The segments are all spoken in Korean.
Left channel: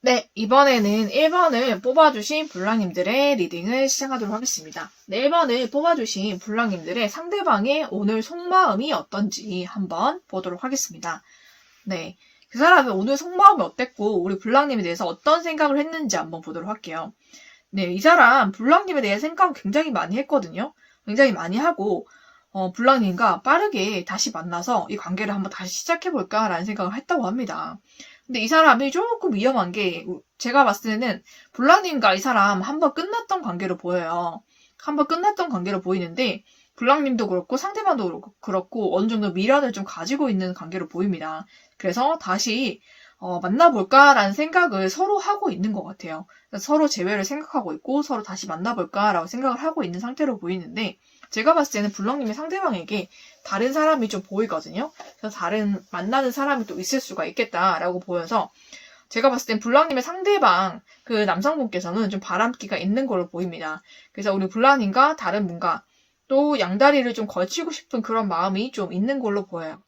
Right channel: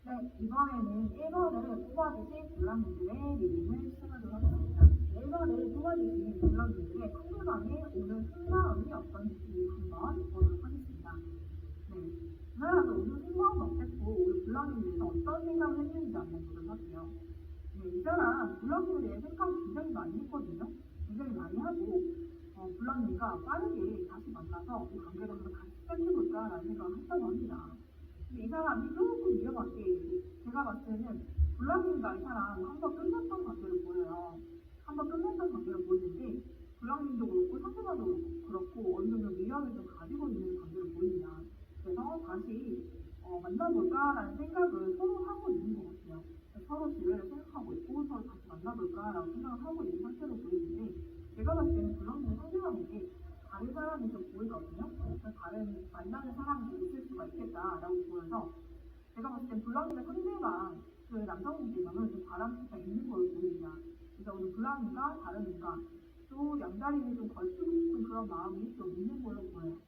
네, 이번에는 1번을 뽑아주신 블랑님들의 리딩을 시작하도록 하겠습니다. 네, 1번을 뽑아주신 블랑님들의 상대방의 오늘 속마음이 어떤지 한번 보도록 하겠습니다. 네, 그 사람의 오늘 속마음이 어땠고 우리 블랑님에 대해서 어떤 생각을 했는지 한번 보도록 할게요. 네, 이 사람 블랑님에 대해 생각을 굉장히 많이 했거든요. 굉장히 많이 하고 블랑님과 빠르게 다시 만나서 이 관계를 한번 다시 시작해볼까라는 생각을 했다고 합니다. 근데 이 사람이 조금 위험한 게 제가 봤을 때는 블랑님과 이 사람 한번 끝났던 관계로 보여요. 한번 끝났던 관계로 보이는데 블랑님도 그렇고 상대방도 그렇고 어느 정도 미련을 좀 가지고 있는 관계로 보입니다. 그래서 다시 만나볼까라는 생각을 서로 하고 있는 것 같아요. 서로 재회를 생각하고 있고 서로 다시 만나볼까라고 생각을 하고 있는 상태로 보이는데 제가 봤을 때는 블럭님의 상대방에게 다른 사람이 좀 보이거든요. 그래서 다른 만나는 사람이 또 있을 수가 있겠다라고 보여서 제가 봤을 땐 블랑님의 상대방 그 남성분께서는 좀 바람기가 있는 걸로 보입니다. 그래서 우리 블랑님과 다른 분과 또 양다리를 좀 걸치고 싶은 그런 마음이 좀 있는 걸로 보여요.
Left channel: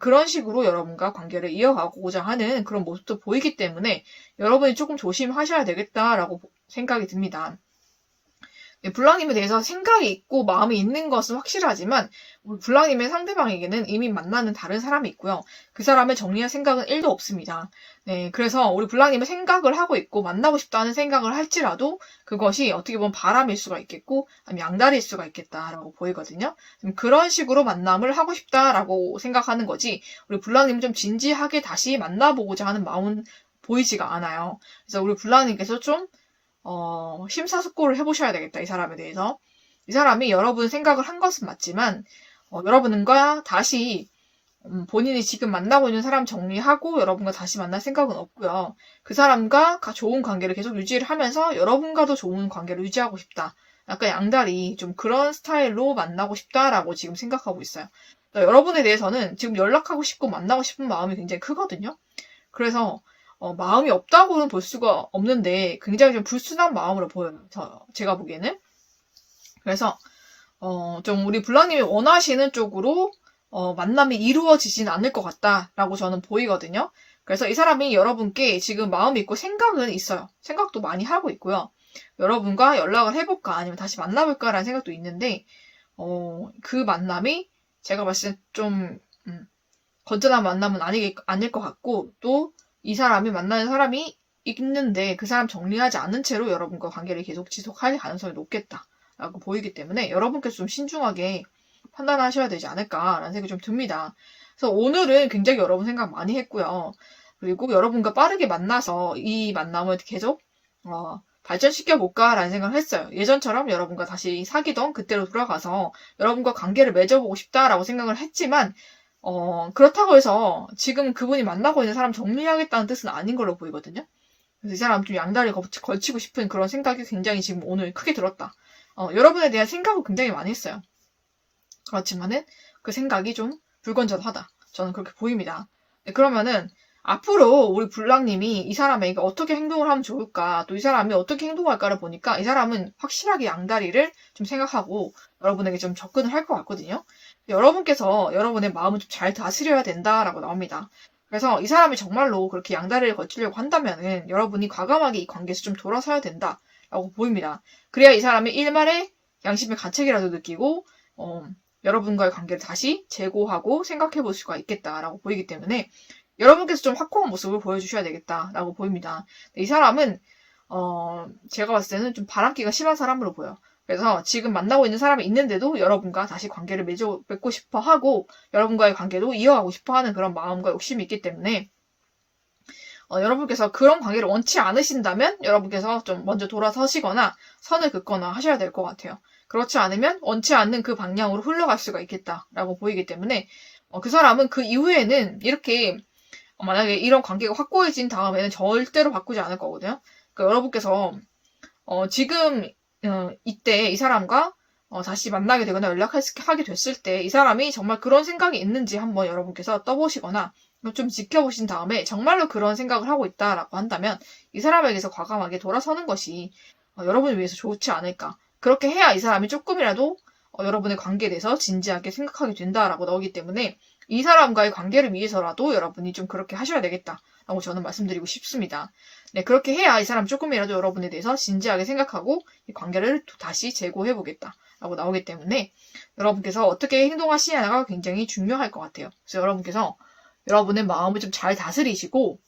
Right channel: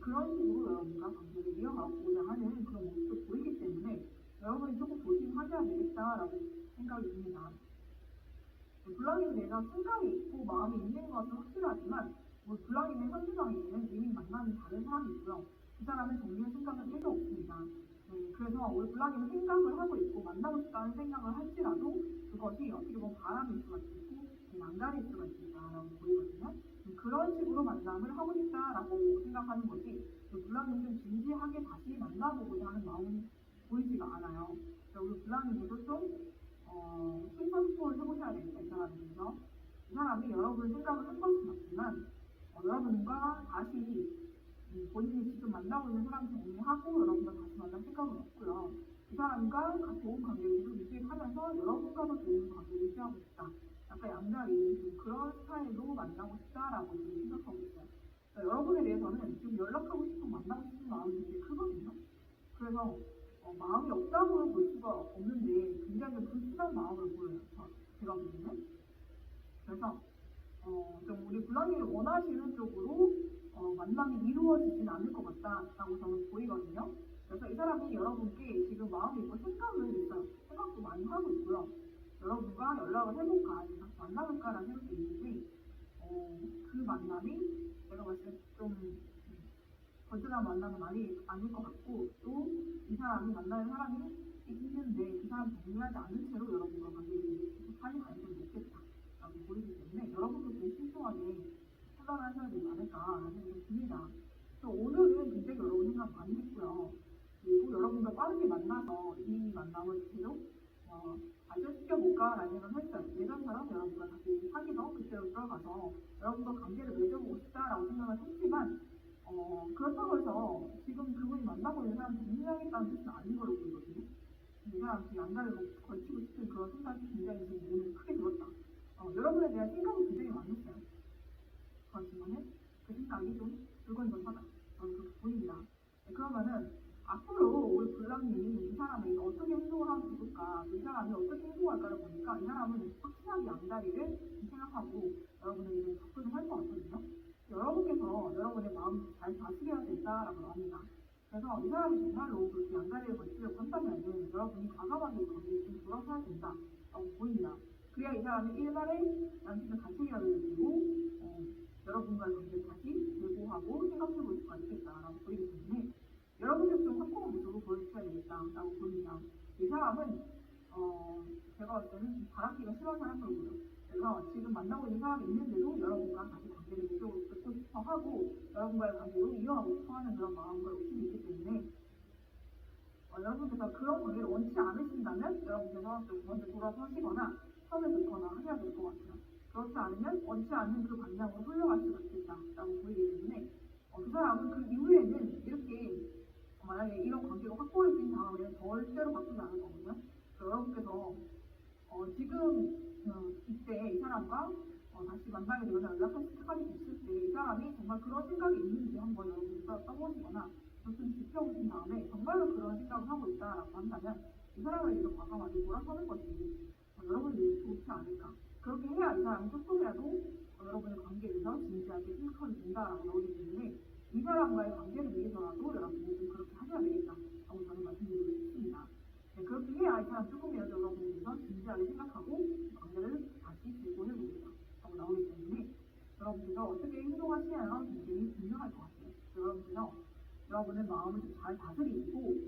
그런 식으로 여러분과 관계를 이어가고자 하는 그런 모습도 보이기 때문에 여러분이 조금 조심하셔야 되겠다라고 생각이 듭니다. 블랑님에 대해서 생각이 있고 마음이 있는 것은 확실하지만 우리 블랑님의 상대방에게는 이미 만나는 다른 사람이 있고요. 그 사람을 정리할 생각은 1도 없습니다. 네, 그래서 우리 블랑님은 생각을 하고 있고 만나고 싶다는 생각을 할지라도 그것이 어떻게 보면 바람일 수가 있겠고 아니면 양다리일 수가 있겠다라고 보이거든요. 그런 식으로 만남을 하고 싶다라고 생각하는 거지 우리 블랑님은 좀 진지하게 다시 만나보고자 하는 마음은 보이지가 않아요. 그래서 우리 블랑님께서 좀 심사숙고를 해보셔야 되겠다, 이 사람에 대해서. 이 사람이 여러분 생각을 한 것은 맞지만, 여러분과 다시, 본인이 지금 만나고 있는 사람 정리하고 여러분과 다시 만날 생각은 없고요. 그 사람과 좋은 관계를 계속 유지를 하면서 여러분과도 좋은 관계를 유지하고 싶다. 약간 양다리, 좀 그런 스타일로 만나고 싶다라고 지금 생각하고 있어요. 여러분에 대해서는 지금 연락하고 싶고 만나고 싶은 마음이 굉장히 크거든요. 그래서, 마음이 없다고는 볼 수가 없는데 굉장히 좀 불순한 마음으로 보여요. 제가 보기에는. 그래서 좀 우리 블랑님이 원하시는 쪽으로 만남이 이루어지진 않을 것 같다라고 저는 보이거든요. 그래서 이 사람이 여러분께 지금 마음이 있고 생각은 있어요. 생각도 많이 하고 있고요. 여러분과 연락을 해볼까 아니면 다시 만나볼까라는 생각도 있는데 그 만남이 제가 봤을 때 좀 건전한 만남은 아닐 것 같고 또 이 사람이 만나는 사람이 있는데 그 사람 정리하지 않은 채로 여러분과 관계를 계속 지속할 가능성이 높겠다라고 보이기 때문에 여러분께서 좀 신중하게 판단하셔야 되지 않을까라는 생각이 좀 듭니다. 그래서 오늘은 굉장히 여러분 생각 많이 했고요. 그리고 여러분과 빠르게 만나서 이 만남을 계속 발전시켜볼까라는 생각을 했어요. 예전처럼 여러분과 다시 사귀던 그때로 돌아가서 여러분과 관계를 맺어보고 싶다라고 생각을 했지만 그렇다고 해서 지금 그분이 만나고 있는 사람 정리하겠다는 뜻은 아닌 걸로 보이거든요. 그래서 이 사람 좀 양다리 걸치고 싶은 그런 생각이 굉장히 지금 오늘 크게 들었다. 여러분에 대한 생각을 굉장히 많이 했어요. 그렇지만은 그 생각이 좀 불건전하다. 저는 그렇게 보입니다. 네, 그러면은 앞으로 우리 블랑님이 이 사람에게 어떻게 행동을 하면 좋을까, 또 이 사람이 어떻게 행동할까를 보니까 이 사람은 확실하게 양다리를 좀 생각하고 여러분에게 좀 접근을 할 것 같거든요. 여러분께서 여러분의 마음을 좀 잘 다스려야 된다라고 나옵니다. 그래서 이 사람이 정말로 그렇게 양다리를 거치려고 한다면은 여러분이 과감하게 이 관계에서 좀 돌아서야 된다라고 보입니다. 그래야 이 사람이 일말의 양심의 가책이라도 느끼고 여러분과의 관계를 다시 재고하고 생각해 볼 수가 있겠다라고 보이기 때문에 여러분께서 좀 확고한 모습을 보여주셔야 되겠다라고 보입니다. 이 사람은 제가 봤을 때는 좀 바람기가 심한 사람으로 보여요. 그래서 지금 만나고 있는 사람이 있는데도 여러분과 다시 관계를 맺고 싶어 하고 여러분과의 관계도 이어가고 싶어 하는 그런 마음과 욕심이 있기 때문에 여러분께서 그런 관계를 원치 않으신다면 여러분께서 좀 먼저 돌아서시거나 선을 긋거나 하셔야 될 것 같아요. 그렇지 않으면 원치 않는 그 방향으로 흘러갈 수가 있겠다라고 보이기 때문에 그 사람은 그 이후에는 이렇게 만약에 이런 관계가 확고해진 다음에는 절대로 바꾸지 않을 거거든요. 그러니까 여러분께서 지금 이때 이 사람과 다시 만나게 되거나 연락하게 됐을 때 이 사람이 정말 그런 생각이 있는지 한번 여러분께서 떠보시거나 좀 지켜보신 다음에 정말로 그런 생각을 하고 있다라고 한다면 이 사람에게서 과감하게 돌아서는 것이 여러분을 위해서 좋지 않을까. 그렇게 해야 이 사람이 조금이라도 여러분의 관계에 대해서 진지하게 생각하게 된다라고 나오기 때문에 이 사람과의 관계를 위해서라도 여러분이 좀 그렇게 하셔야 되겠다 라고 저는 말씀드리고 싶습니다. 네, 그렇게 해야 이 사람 조금이라도 여러분에 대해서 진지하게 생각하고 이 관계를 다시 재고해보겠다 라고 나오기 때문에 여러분께서 어떻게 행동하시냐가 굉장히 중요할 것 같아요. 그래서 여러분께서 여러분의 마음을 좀 잘 다스리시고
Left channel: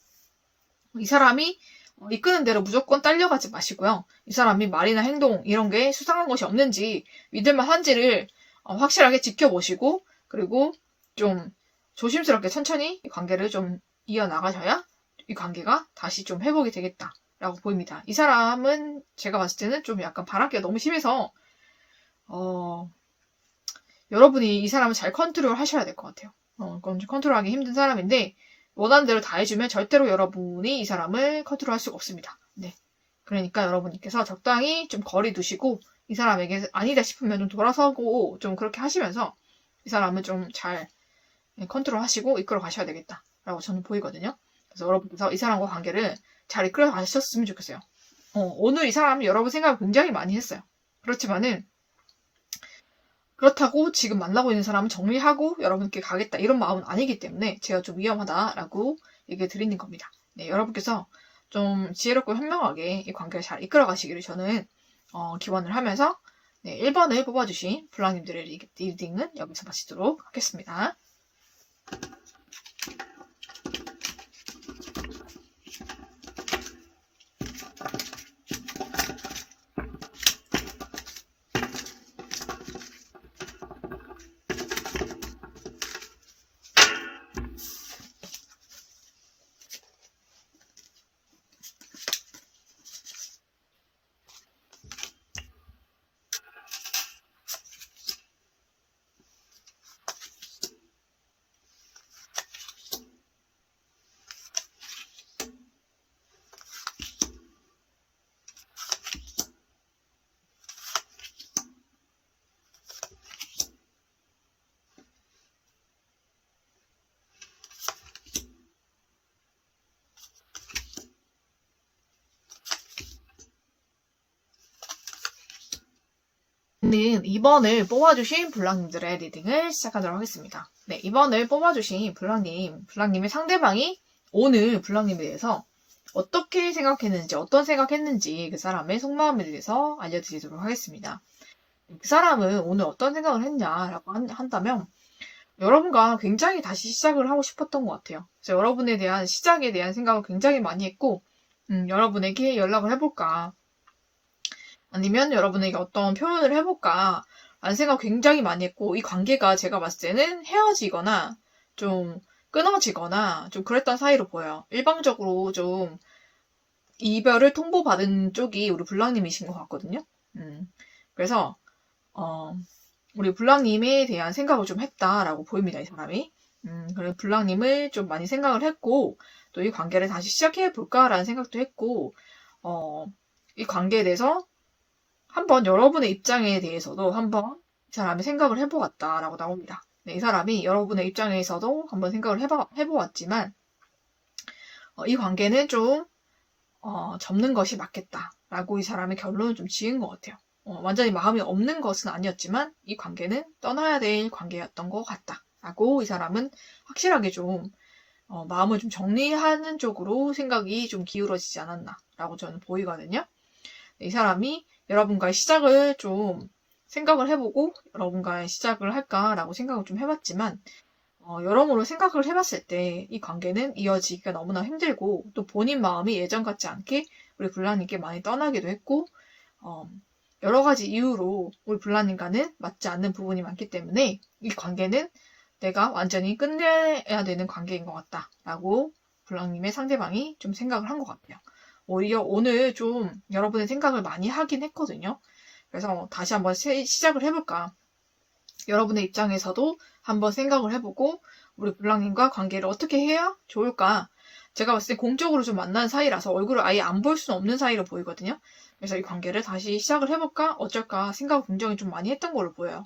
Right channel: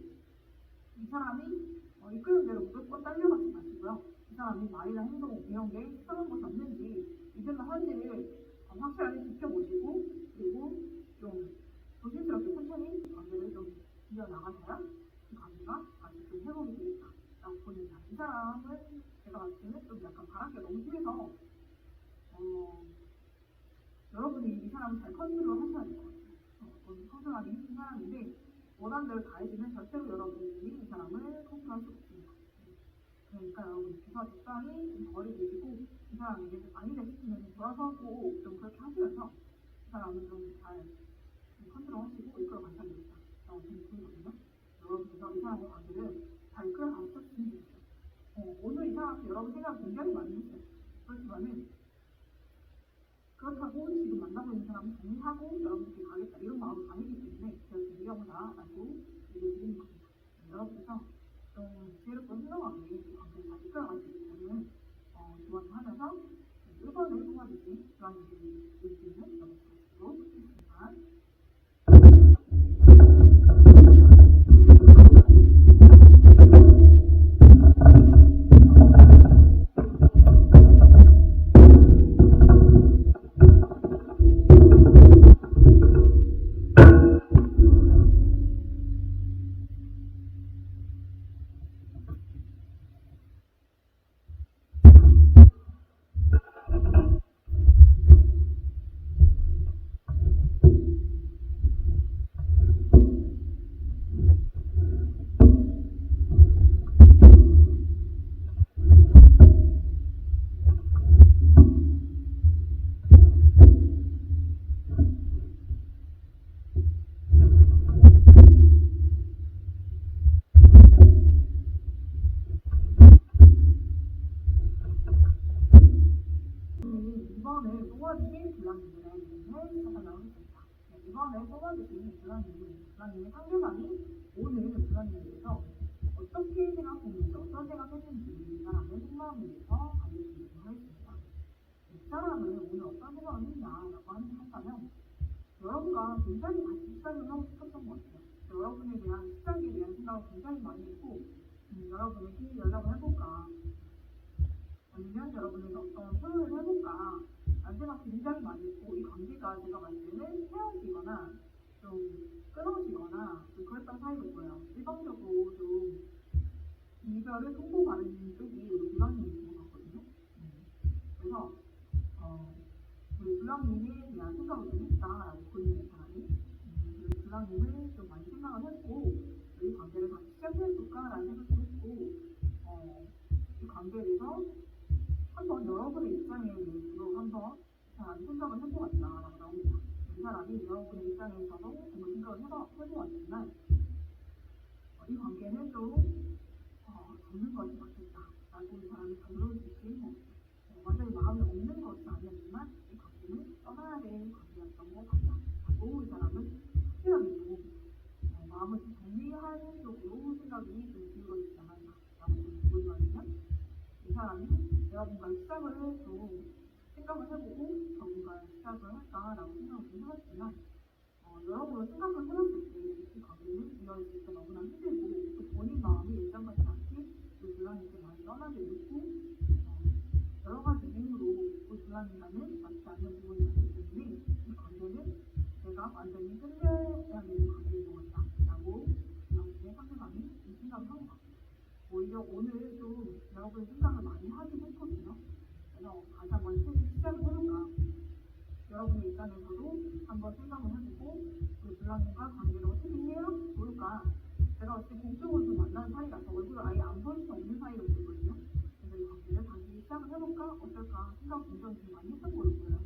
이 사람이 이끄는 대로 무조건 딸려가지 마시고요. 이 사람이 말이나 행동 이런 게 수상한 것이 없는지 믿을만 한지를 확실하게 지켜보시고 그리고 좀 조심스럽게 천천히 이 관계를 좀 이어나가셔야 이 관계가 다시 좀 회복이 되겠다라고 보입니다. 이 사람은 제가 봤을 때는 좀 약간 바람기가 너무 심해서 여러분이 이 사람을 잘 컨트롤 하셔야 될 것 같아요. 그건 좀 컨트롤하기 힘든 사람인데 원하는 대로 다 해주면 절대로 여러분이 이 사람을 컨트롤할 수가 없습니다. 네. 그러니까 여러분께서 적당히 좀 거리 두시고 이 사람에게 아니다 싶으면 좀 돌아서고 좀 그렇게 하시면서 이 사람을 좀 잘 컨트롤 하시고 이끌어 가셔야 되겠다라고 저는 보이거든요. 그래서 여러분께서 이 사람과 관계를 잘 이끌어 가셨으면 좋겠어요. 오늘 이 사람이 여러분 생각을 굉장히 많이 했어요. 그렇지만은 그렇다고 지금 만나고 있는 사람은 정리하고 여러분께 가겠다 이런 마음은 아니기 때문에 제가 좀 위험하다라고 얘기를 드리는 겁니다. 네, 여러분께서 좀 지혜롭고 현명하게 이 관계를 잘 이끌어 가시기를 저는 기원을 하면서 네, 1번을 뽑아주신 블랑님들의 리딩은 여기서 마치도록 하겠습니다. 는 2번을 뽑아주신 블랑님들의 리딩을 시작하도록 하겠습니다. 네, 2번을 뽑아주신 블랑님의 상대방이 오늘 블랑님에 대해서 어떻게 생각했는지, 어떤 생각했는지 그 사람의 속마음에 대해서 알려드리도록 하겠습니다. 그 사람은 오늘 어떤 생각을 했냐라고 한다면 여러분과 굉장히 다시 시작을 하고 싶었던 것 같아요. 그래서 여러분에 대한 시작에 대한 생각을 굉장히 많이 했고 여러분에게 연락을 해볼까 아니면 여러분에게 어떤 표현을 해볼까 라는 생각 굉장히 많이 했고 이 관계가 제가 봤을 때는 헤어지거나 좀 끊어지거나 좀 그랬던 사이로 보여요. 일방적으로 좀 이별을 통보받은 쪽이 우리 블랑님이신 것 같거든요. 그래서 우리 블랑님에 대한 생각을 좀 했다라고 보입니다. 이 사람이. 그래서 블랑님을 좀 많이 생각을 했고 또 이 관계를 다시 시작해볼까라는 생각도 했고 이 관계에 대해서 한번 여러분의 입장에 대해서도 한번 이 사람이 생각을 해보았다라고 나옵니다. 네, 이 사람이 여러분의 입장에서도 한번 생각을 해보았지만 이 관계는 좀 접는 것이 맞겠다라고 이 사람의 결론을 좀 지은 것 같아요. 완전히 마음이 없는 것은 아니었지만 이 관계는 떠나야 될 관계였던 것 같다라고 이 사람은 확실하게 좀 마음을 좀 정리하는 쪽으로 생각이 좀 기울어지지 않았나라고 저는 보이거든요. 이 사람이 여러분과의 시작을 좀 생각을 해보고 여러분과의 시작을 할까라고 생각을 좀 해봤지만 여러모로 생각을 해봤을 때 이 관계는 이어지기가 너무나 힘들고 또 본인 마음이 예전 같지 않게 우리 블랑님께 많이 떠나기도 했고 여러 가지 이유로 우리 블랑님과는 맞지 않는 부분이 많기 때문에 이 관계는 내가 완전히 끝내야 되는 관계인 것 같다라고 블랑님의 상대방이 좀 생각을 한 것 같아요. 오히려 오늘 좀 여러분의 생각을 많이 하긴 했거든요. 그래서 다시 한번 시작을 해볼까. 여러분의 입장에서도 한번 생각을 해보고 우리 블랑님과 관계를 어떻게 해야 좋을까. 제가 봤을 때 공적으로 좀 만난 사이라서 얼굴을 아예 안 볼 수는 없는 사이로 보이거든요. 그래서 이 관계를 다시 시작을 해볼까 어쩔까 생각을 굉장히 좀 많이 했던 걸로 보여요.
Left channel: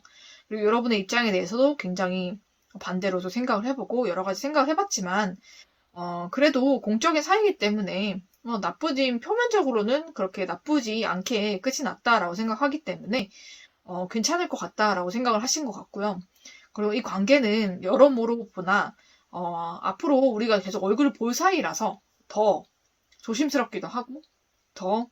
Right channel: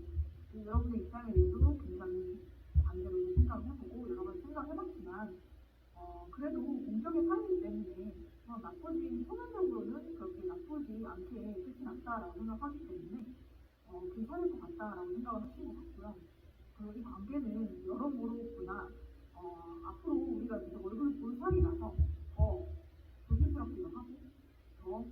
그리고 여러분의 입장에 대해서도 굉장히 반대로도 생각을 해보고 여러 가지 생각을 해봤지만 그래도 공적인 사이이기 때문에 표면적으로는 그렇게 나쁘지 않게 끝이 났다라고 생각하기 때문에 괜찮을 것 같다라고 생각을 하신 것 같고요. 그리고 이 관계는 여러모로 보나 앞으로 우리가 계속 얼굴을 볼 사이라서 더 조심스럽기도 하고 더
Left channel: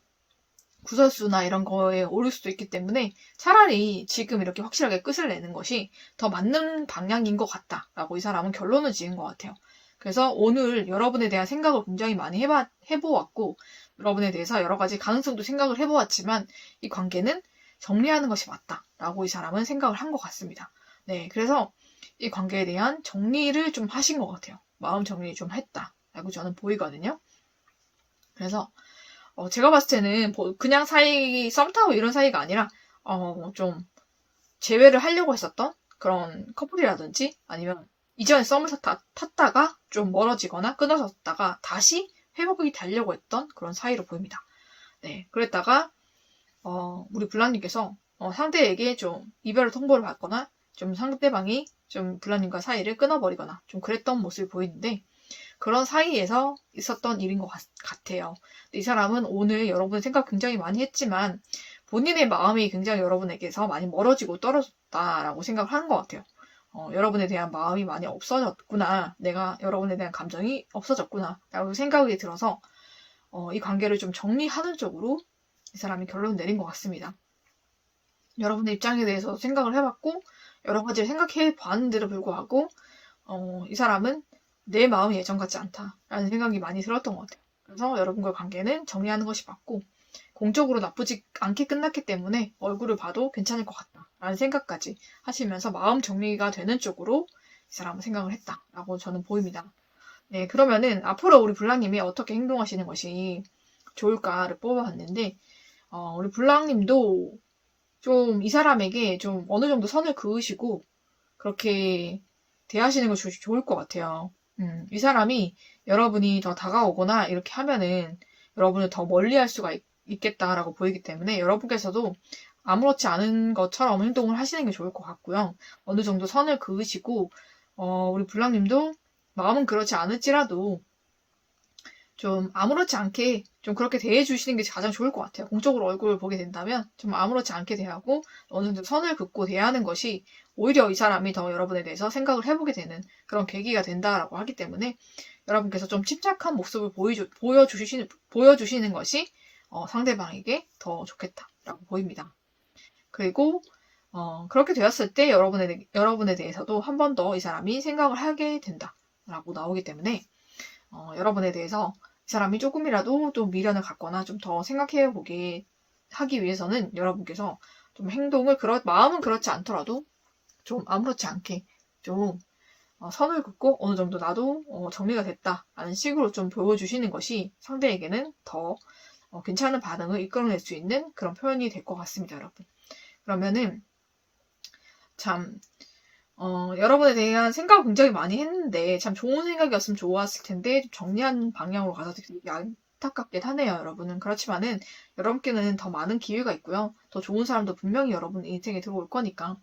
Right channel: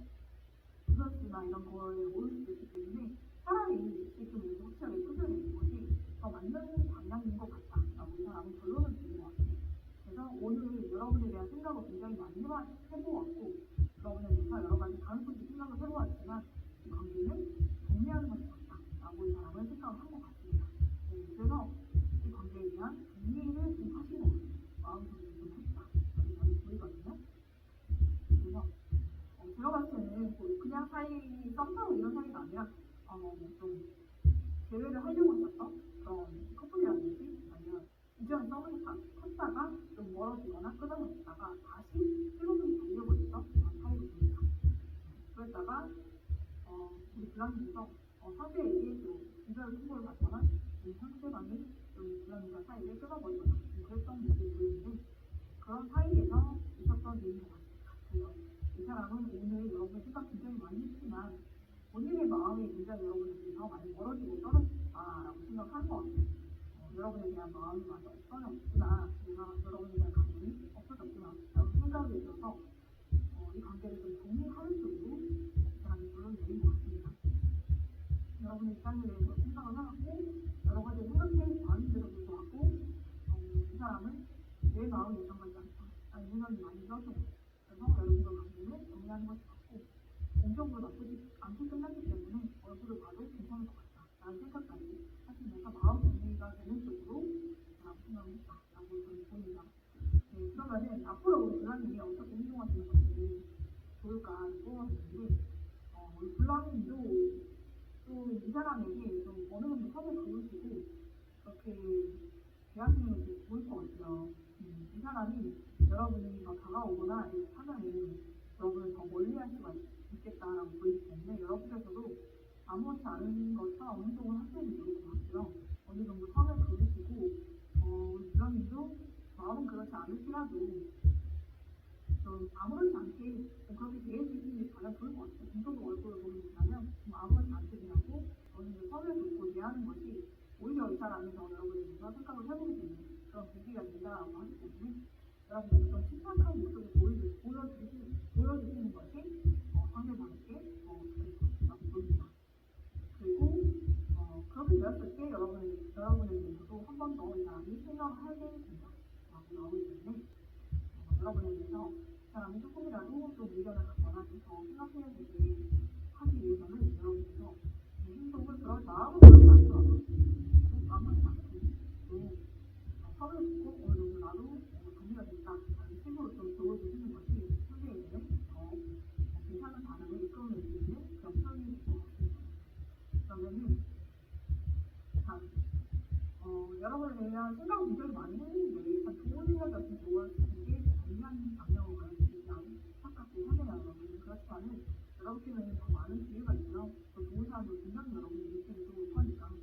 구설수나 이런 거에 오를 수도 있기 때문에 차라리 지금 이렇게 확실하게 끝을 내는 것이 더 맞는 방향인 것 같다라고 이 사람은 결론을 지은 것 같아요. 그래서 오늘 여러분에 대한 생각을 굉장히 많이 해보았고 여러분에 대해서 여러 가지 가능성도 생각을 해보았지만 이 관계는 정리하는 것이 맞다라고 이 사람은 생각을 한 것 같습니다. 네, 그래서 이 관계에 대한 정리를 좀 하신 것 같아요. 마음 정리 좀 했다라고 저는 보이거든요. 그래서 제가 봤을 때는 그냥 썸 타고 이런 사이가 아니라 좀 재회를 하려고 했었던 그런 커플이라든지 아니면 이전에 썸을 탔다가 좀 멀어지거나 끊어졌다가 다시 회복이 되려고 했던 그런 사이로 보입니다. 네, 그랬다가 우리 블랑님께서 상대에게 좀 이별을 통보를 받거나 좀 상대방이 좀 블랑님과 사이를 끊어버리거나 좀 그랬던 모습이 보이는데 그런 사이에서 있었던 일인 것 같아요. 이 사람은 오늘 여러분의 생각 굉장히 많이 했지만 본인의 마음이 굉장히 여러분에게서 많이 멀어지고 떨어졌다라고 생각을 하는 것 같아요. 여러분에 대한 마음이 많이 없어졌구나. 내가 여러분에 대한 감정이 없어졌구나. 라고 생각이 들어서 이 관계를 좀 정리하는 쪽으로 이 사람이 결론을 내린 것 같습니다. 여러분의 입장에 대해서 생각을 해봤고 여러 가지를 생각해 봤는데도 불구하고 이 사람은 내 마음이 예전 같지 않다라는 생각이 많이 들었던 것 같아요. 그래서 여러분과 관계는 정리하는 것이 맞고 공적으로 나쁘지 않게 끝났기 때문에 얼굴을 봐도 괜찮을 것 같다라는 생각까지 하시면서 마음 정리가 되는 쪽으로 이 사람은 생각을 했다라고 저는 보입니다. 네, 그러면은 앞으로 우리 블랑님이 어떻게 행동하시는 것이 좋을까를 뽑아봤는데 우리 블랑님도 좀 이 사람에게 좀 어느 정도 선을 그으시고 그렇게 대하시는 것이 좋을 것 같아요. 이 사람이 여러분이 더 다가오거나 이렇게 하면은 여러분을 더 멀리 할 수가 있겠다라고 보이기 때문에 여러분께서도 아무렇지 않은 것처럼 행동을 하시는 게 좋을 것 같고요. 어느 정도 선을 그으시고 우리 블랑님도 마음은 그렇지 않을지라도 좀 아무렇지 않게 좀 그렇게 대해주시는 게 가장 좋을 것 같아요. 공적으로 얼굴을 보게 된다면 좀 아무렇지 않게 대하고 어느 정도 선을 긋고 대하는 것이 오히려 이 사람이 더 여러분에 대해서 생각을 해보게 되는 그런 계기가 된다라고 하기 때문에 여러분께서 좀 침착한 모습을 보여주시는 것이 상대방에게 더 좋겠다라고 보입니다. 그리고 그렇게 되었을 때 여러분에 대해서도 한 번 더 이 사람이 생각을 하게 된다라고 나오기 때문에 여러분에 대해서 이 사람이 조금이라도 좀 미련을 갖거나 좀 더 생각해 보게 하기 위해서는 여러분께서 좀 행동을 마음은 그렇지 않더라도 좀 아무렇지 않게 좀 선을 긋고 어느 정도 나도 정리가 됐다라는 식으로 좀 보여주시는 것이 상대에게는 더 괜찮은 반응을 이끌어낼 수 있는 그런 표현이 될 것 같습니다, 여러분. 그러면은 참 여러분에 대한 생각을 굉장히 많이 했는데 참 좋은 생각이었으면 좋았을 텐데 정리한 방향으로 가서 되게 안타깝긴 하네요, 여러분은. 그렇지만은 여러분께는 더 많은 기회가 있고요. 더 좋은 사람도 분명히 여러분 인생에 들어올 거니까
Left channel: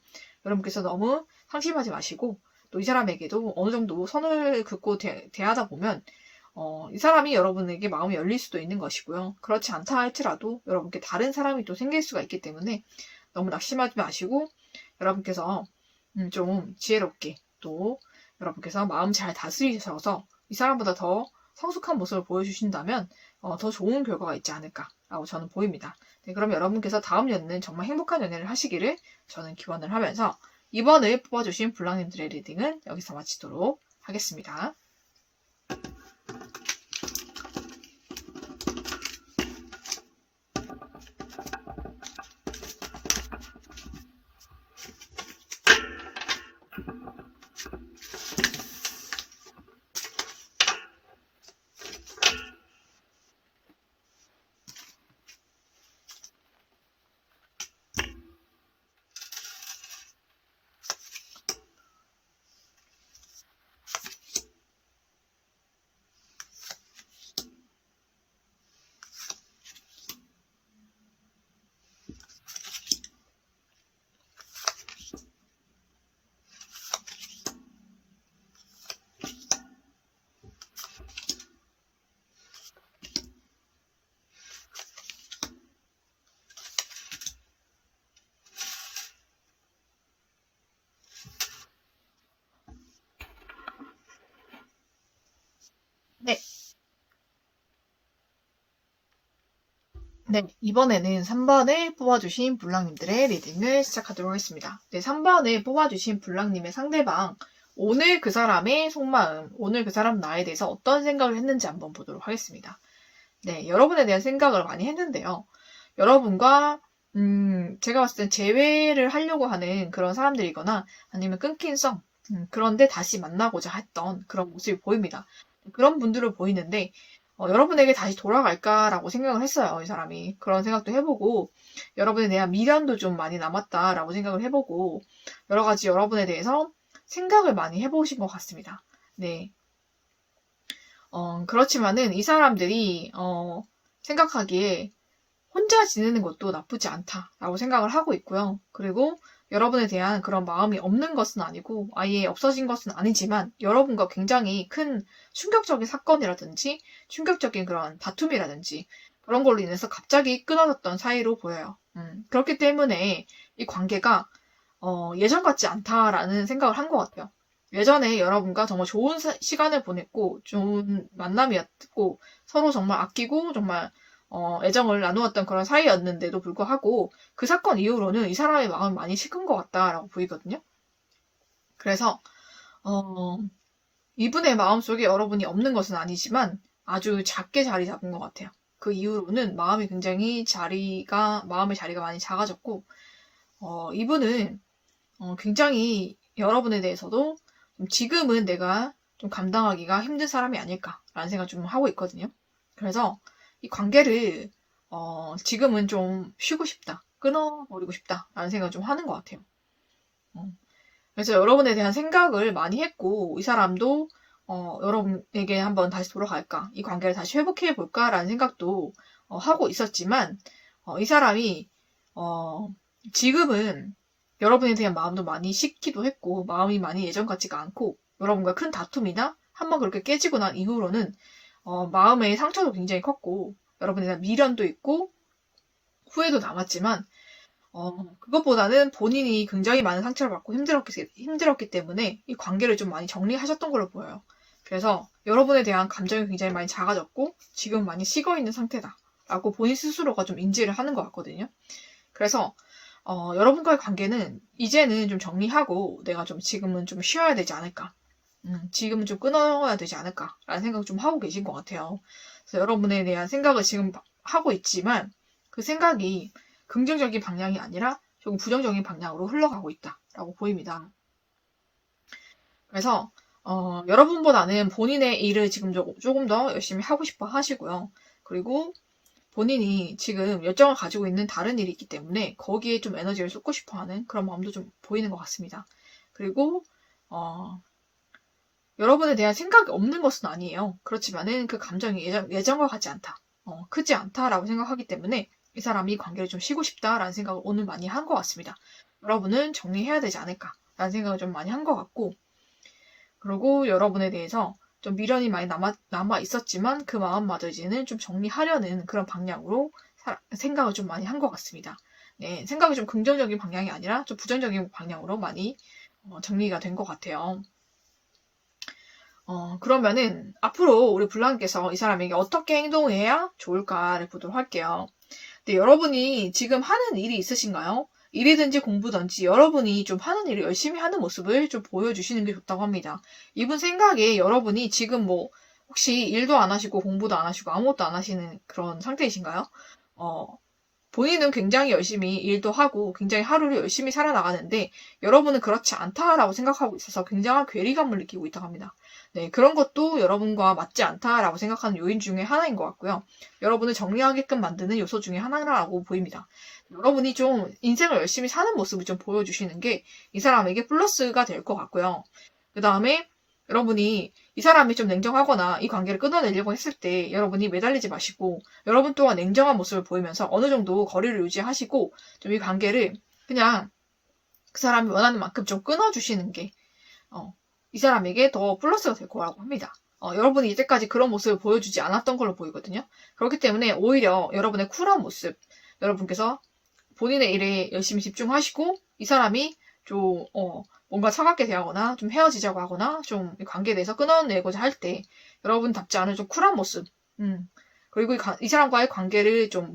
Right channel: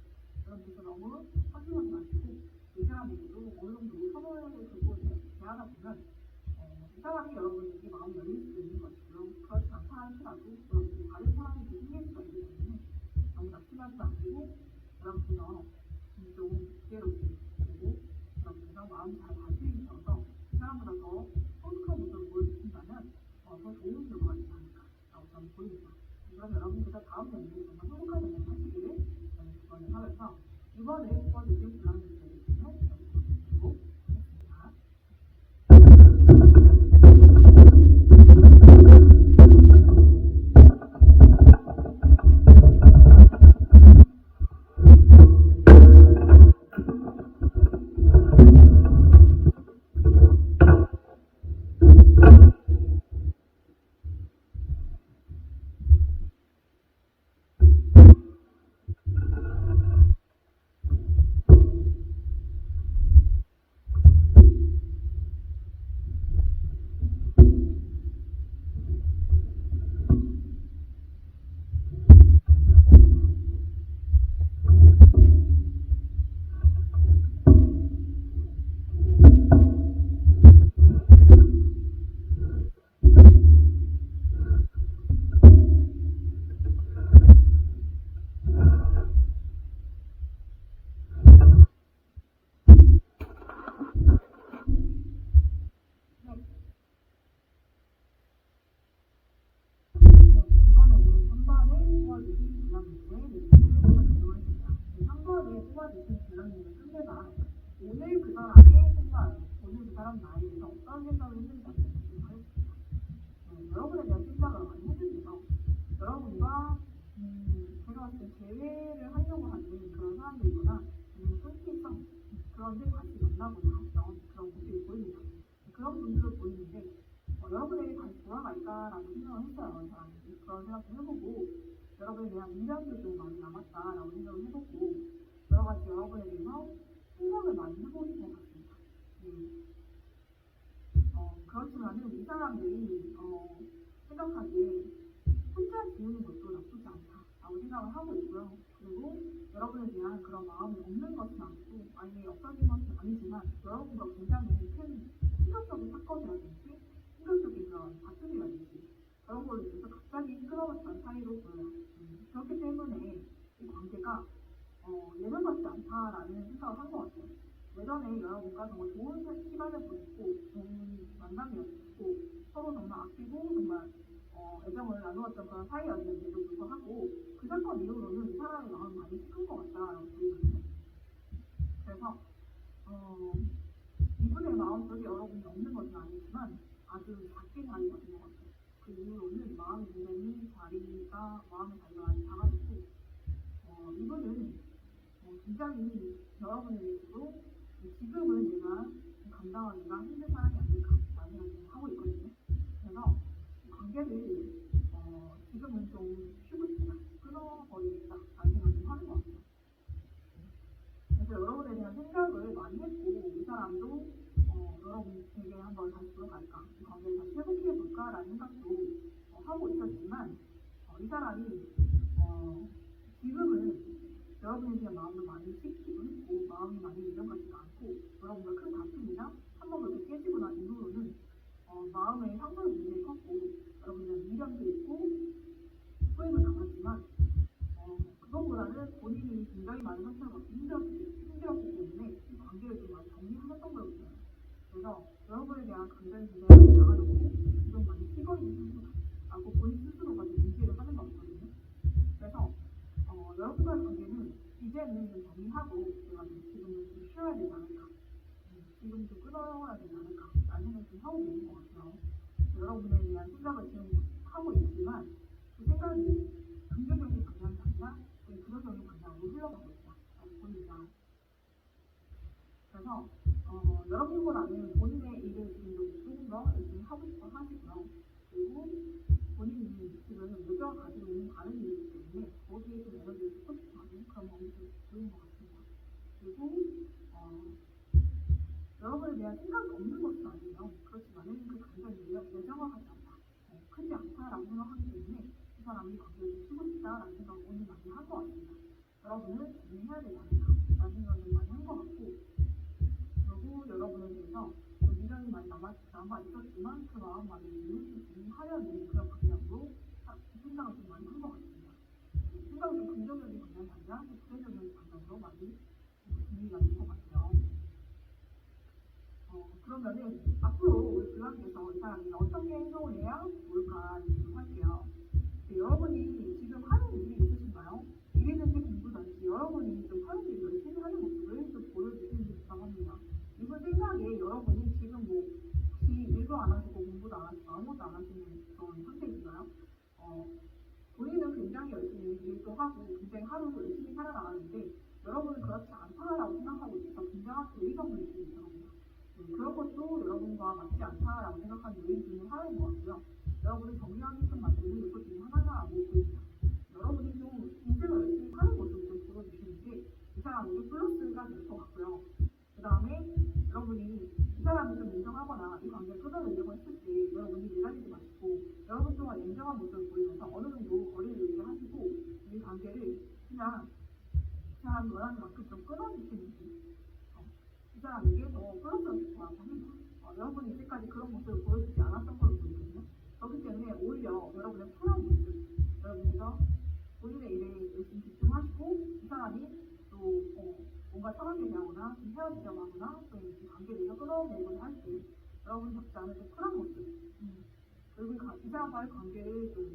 여러분께서 너무 상심하지 마시고 또 이 사람에게도 어느 정도 선을 긋고 대하다 보면 이 사람이 여러분에게 마음이 열릴 수도 있는 것이고요. 그렇지 않다 할지라도 여러분께 다른 사람이 또 생길 수가 있기 때문에 너무 낙심하지 마시고 여러분께서 좀 지혜롭게 또 여러분께서 마음 잘 다스리셔서 이 사람보다 더 성숙한 모습을 보여주신다면 더 좋은 결과가 있지 않을까라고 저는 보입니다. 네, 그럼 여러분께서 다음 연애는 정말 행복한 연애를 하시기를 저는 기원을 하면서 이번에 뽑아주신 블랑님들의 리딩은 여기서 마치도록 하겠습니다. 네, 이번에는 3번을 뽑아주신 블랑님들의 리딩을 시작하도록 하겠습니다. 네, 3번을 뽑아주신 블랑님의 상대방, 오늘 그 사람의 속마음, 오늘 그 사람 나에 대해서 어떤 생각을 했는지 한번 보도록 하겠습니다. 네, 여러분에 대한 생각을 많이 했는데요. 여러분과 제가 봤을 땐 재회를 하려고 하는 그런 사람들이거나 아니면 끊긴 썸, 그런데 다시 만나고자 했던 그런 모습이 보입니다. 그런 분들을 보이는데 여러분에게 다시 돌아갈까라고 생각을 했어요. 이 사람이. 그런 생각도 해보고 여러분에 대한 미련도 좀 많이 남았다라고 생각을 해보고 여러 가지 여러분에 대해서 생각을 많이 해보신 것 같습니다. 네. 그렇지만은 이 사람들이 생각하기에 혼자 지내는 것도 나쁘지 않다라고 생각을 하고 있고요. 그리고 여러분에 대한 그런 마음이 없는 것은 아니고 아예 없어진 것은 아니지만 여러분과 굉장히 큰 충격적인 사건이라든지 충격적인 그런 다툼이라든지 그런 걸로 인해서 갑자기 끊어졌던 사이로 보여요. 그렇기 때문에 이 관계가 예전 같지 않다라는 생각을 한 것 같아요. 예전에 여러분과 정말 좋은 시간을 보냈고 좋은 만남이었고 서로 정말 아끼고 정말 애정을 나누었던 그런 사이였는데도 불구하고 그 사건 이후로는 이 사람의 마음이 많이 식은 것 같다라고 보이거든요. 그래서 이분의 마음속에 여러분이 없는 것은 아니지만 아주 작게 자리 잡은 것 같아요. 그 이후로는 마음의 자리가 많이 작아졌고 이분은 굉장히 여러분에 대해서도 지금은 내가 좀 감당하기가 힘든 사람이 아닐까라는 생각을 좀 하고 있거든요. 그래서 이 관계를 지금은 좀 쉬고 싶다, 끊어버리고 싶다라는 생각을 좀 하는 것 같아요. 그래서 여러분에 대한 생각을 많이 했고 이 사람도 여러분에게 한번 다시 돌아갈까, 이 관계를 다시 회복해 볼까라는 생각도 하고 있었지만 이 사람이 지금은 여러분에 대한 마음도 많이 식기도 했고 마음이 많이 예전 같지가 않고 여러분과 큰 다툼이나 한번 그렇게 깨지고 난 이후로는 마음의 상처도 굉장히 컸고 여러분에 대한 미련도 있고 후회도 남았지만 그것보다는 본인이 굉장히 많은 상처를 받고 힘들었기 때문에 이 관계를 좀 많이 정리하셨던 걸로 보여요. 그래서 여러분에 대한 감정이 굉장히 많이 작아졌고 지금 많이 식어있는 상태다 라고 본인 스스로가 좀 인지를 하는 것 같거든요. 그래서 여러분과의 관계는 이제는 좀 정리하고 내가 좀 지금은 좀 쉬어야 되지 않을까, 지금은 좀 끊어야 되지 않을까 라는 생각을 좀 하고 계신 것 같아요. 그래서 여러분에 대한 생각을 지금 하고 있지만 그 생각이 긍정적인 방향이 아니라 조금 부정적인 방향으로 흘러가고 있다라고 보입니다. 그래서 여러분보다는 본인의 일을 지금 조금 더 열심히 하고 싶어 하시고요. 그리고 본인이 지금 열정을 가지고 있는 다른 일이 있기 때문에 거기에 좀 에너지를 쏟고 싶어 하는 그런 마음도 좀 보이는 것 같습니다. 그리고 여러분에 대한 생각이 없는 것은 아니에요. 그렇지만은 그 감정이 예전과 같지 않다, 크지 않다라고 생각하기 때문에 이 사람이 관계를 좀 쉬고 싶다라는 생각을 오늘 많이 한 것 같습니다. 여러분은 정리해야 되지 않을까라는 생각을 좀 많이 한 것 같고, 그리고 여러분에 대해서 좀 미련이 많이 남아 있었지만 그 마음마저 이제는 좀 정리하려는 그런 방향으로 생각을 좀 많이 한 것 같습니다. 네, 생각이 좀 긍정적인 방향이 아니라 좀 부정적인 방향으로 많이 정리가 된 것 같아요. 그러면은 앞으로 우리 블랑께서 이 사람에게 어떻게 행동해야 좋을까를 보도록 할게요. 네, 여러분이 지금 하는 일이 있으신가요? 일이든지 공부든지 여러분이 좀 하는 일을 열심히 하는 모습을 좀 보여주시는 게 좋다고 합니다. 이분 생각에 여러분이 지금 뭐 혹시 일도 안 하시고 공부도 안 하시고 아무것도 안 하시는 그런 상태이신가요? 본인은 굉장히 열심히 일도 하고 굉장히 하루를 열심히 살아나가는데 여러분은 그렇지 않다라고 생각하고 있어서 굉장한 괴리감을 느끼고 있다고 합니다. 네, 그런 것도 여러분과 맞지 않다라고 생각하는 요인 중에 하나인 것 같고요. 여러분을 정리하게끔 만드는 요소 중에 하나라고 보입니다. 여러분이 좀 인생을 열심히 사는 모습을 좀 보여주시는 게 이 사람에게 플러스가 될 것 같고요. 그 다음에 여러분이 이 사람이 좀 냉정하거나 이 관계를 끊어내려고 했을 때 여러분이 매달리지 마시고 여러분 또한 냉정한 모습을 보이면서 어느 정도 거리를 유지하시고 좀 이 관계를 그냥 그 사람이 원하는 만큼 좀 끊어주시는 게 이 사람에게 더 플러스가 될 거라고 합니다. 여러분이 이때까지 그런 모습을 보여주지 않았던 걸로 보이거든요. 그렇기 때문에 오히려 여러분의 쿨한 모습, 여러분께서 본인의 일에 열심히 집중하시고 이 사람이 좀 뭔가 차갑게 대하거나 좀 헤어지자고 하거나 좀 관계에 대해서 끊어내고자 할 때 여러분답지 않은 좀 쿨한 모습, 그리고 이 사람과의 관계를 좀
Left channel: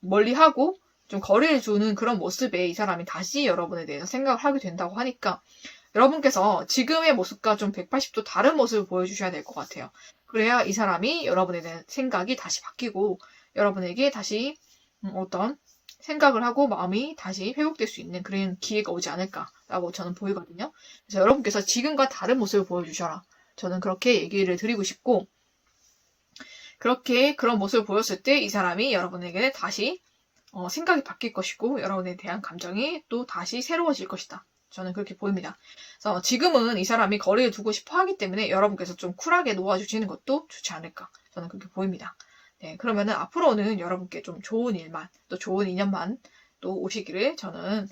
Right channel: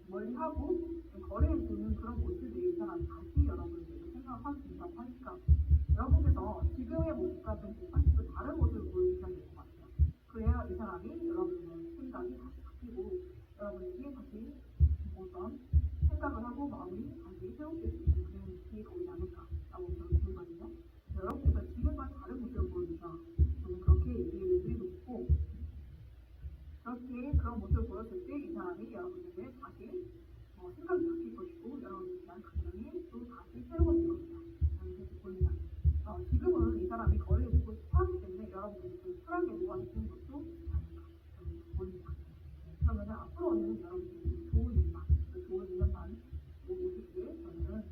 멀리하고 좀 거리를 두는 그런 모습에 이 사람이 다시 여러분에 대해서 생각을 하게 된다고 하니까 여러분께서 지금의 모습과 좀 180도 다른 모습을 보여주셔야 될 것 같아요. 그래야 이 사람이 여러분에 대한 생각이 다시 바뀌고 여러분에게 다시 어떤 생각을 하고 마음이 다시 회복될 수 있는 그런 기회가 오지 않을까라고 저는 보이거든요. 그래서 여러분께서 지금과 다른 모습을 보여주셔라. 저는 그렇게 얘기를 드리고 싶고 그렇게 그런 모습을 보였을 때 이 사람이 여러분에게 다시 생각이 바뀔 것이고 여러분에 대한 감정이 또 다시 새로워질 것이다. 저는 그렇게 보입니다. 그래서 지금은 이 사람이 거리를 두고 싶어 하기 때문에 여러분께서 좀 쿨하게 놓아주시는 것도 좋지 않을까. 저는 그렇게 보입니다. 네, 그러면은 앞으로는 여러분께 좀 좋은 일만, 또 좋은 인연만 또 오시기를 저는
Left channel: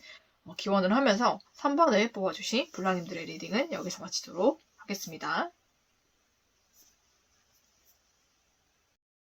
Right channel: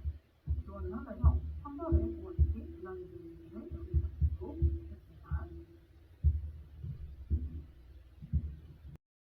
기원을 하면서 3번을 뽑아주신 불랑님들의 리딩은 여기서 마치도록 하겠습니다.